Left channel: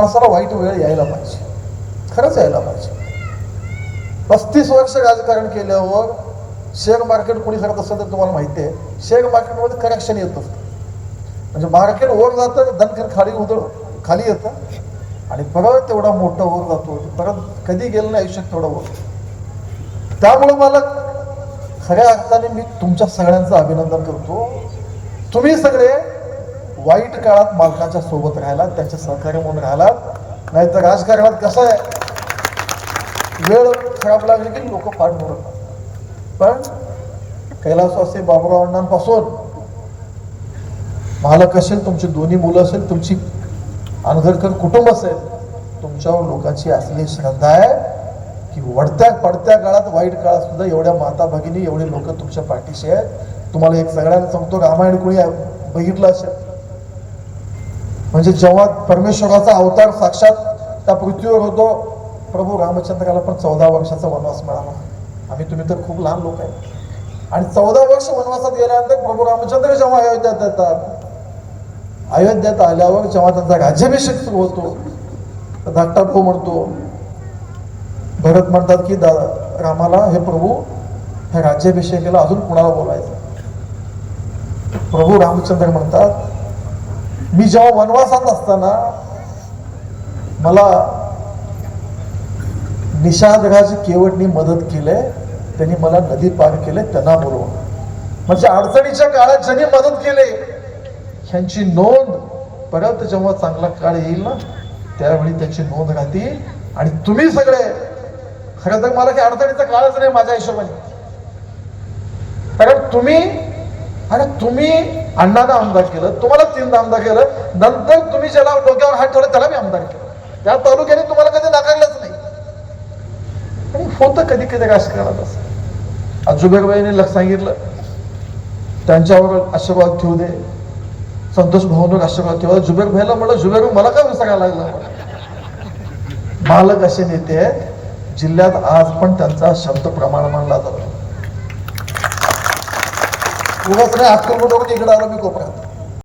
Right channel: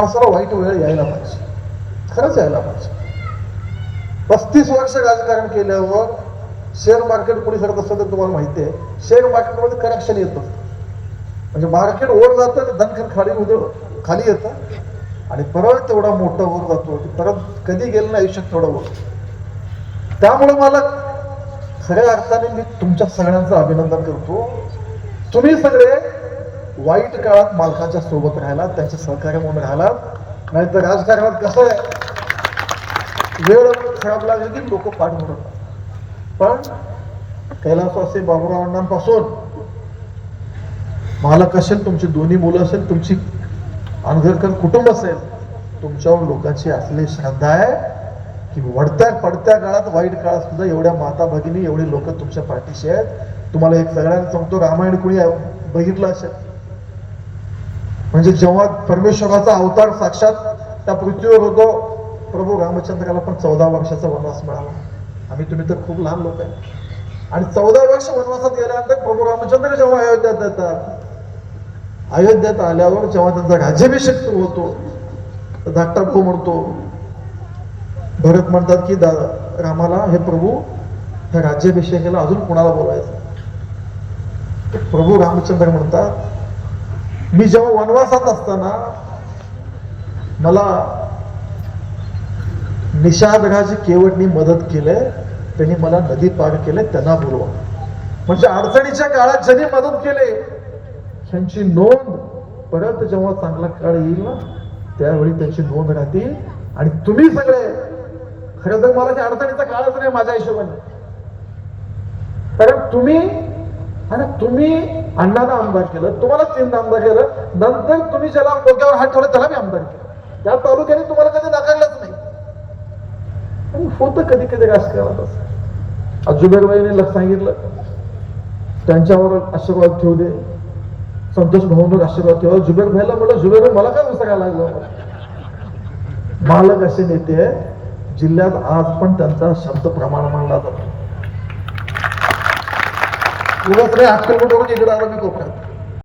माणसाला वाईट वेळ यायला पाहिजे. खरंच यायला पाहिजे. पस्तीस वर्ष राजकारण केल्यावर शेअर मार्केट कोणी करत असेल तर तुम्हाला माहिती आहे. शेअर मार्केटमध्ये करेक्शन येतं. म्हणजे मार्केट वर जातं धनखर खाली उदळ खाली येतं. आणि परत तेवढा मोठा वर जातो. परत कधी गेलं नाही आयुष्यात तेवढं वर. त्यामुळे मला खऱ्या अर्थाने मी तुमच्या सगळ्यांचं अभिनंदन करतो. तुम्ही सगळे वाईट काळात मालकाच्या सोबत राहिला त्यांच्या सहकार्य म्हणून नाहीतर राजकारणात कसं आहे? वेळ खराब लागली की लोक पाठ पण कैलासवासी बाबूराव अण्णांपासून मालक असेल तुमची दोन्ही मुलं असेल तुमची अनघरकर कुटुंब असेल तुमच्यावर लोकांची असलेली श्रद्धा आहे की वडत्या पडत्या काळात वाईट काळात सुद्धा एवढ्या माता भगिनी एवढे लोक तुमच्या पाठीशी आहेत. तुम्हाला एक सगळ्यांना सांगतो रामायण कोणी बघितलं असेल? म्हणजे जेव्हा परमेश्वराचा अवतार साक्षात त्या पृथ्वीवर होतो प्रभू रामचंद्राला पण चौदा वर्षाचा वनवास मिळाला. आम्ही तुम्ही तर खूप लहान लोक आहे आणि चौदा वर्ष वनवासात गेल्यानंतर प्रभू रामचंद्र जेव्हा अयोध्यात येतात अयोध्यात आल्यावर जेव्हा त्यांचा राज्याभिषेक सुरू होतो तर धाकटा भाऊ म्हणतो भरत म्हणतात की दा रामाला हे प्रभू ह्या राज्याभिषेकाला अजून कुणाला बोलायचं प्रभू रामचंद्र म्हणतात मी जेव्हा वनवासात असताना मला निषादराज केवटनी मदत केले त्यांनी मला नदी पार केले त्यांना बोलव म्हणजे अडचणीच्या काळात ज्यांनी मदत केले ह्यांची नोंद परत जेव्हा चांगला काळ येईल ना त्यावेळी त्यांची नोंद राहतील. आणि तुम्ही सगळे खरं तर मला काही अडचणीचा काळच नाही माझ्या हिशोबाने. कारण तुम्ही आणि तुम्ही अण्णांना आमदार केलं तुम्हाला तीनदा आमदार केलं नंतर तुम्ही ज्याला डोक्यावर हात ठेवलं त्याला मी आमदार केलं. त्या तालुक्याने तुम्हाला कधी नाकारलंच नाही. आणि होतं कधी कधी राजकारणात असं आज जुबेरबाईने लक्ष सांगितलं त्यांच्यावर आशीर्वाद ठेवू दे. संतोष भाऊन आशीर्वाद ठेवा. जुबेर भाईला म्हणलं जुबेर मला काय सांगायला लागलं? मालक असे नेते जिल्ह्यात आज पण त्यांचा शब्द प्रमाण मानला जातो. उगाच नाही अक्कलकोटवरून इकडे आलो मी कोपऱ्यात.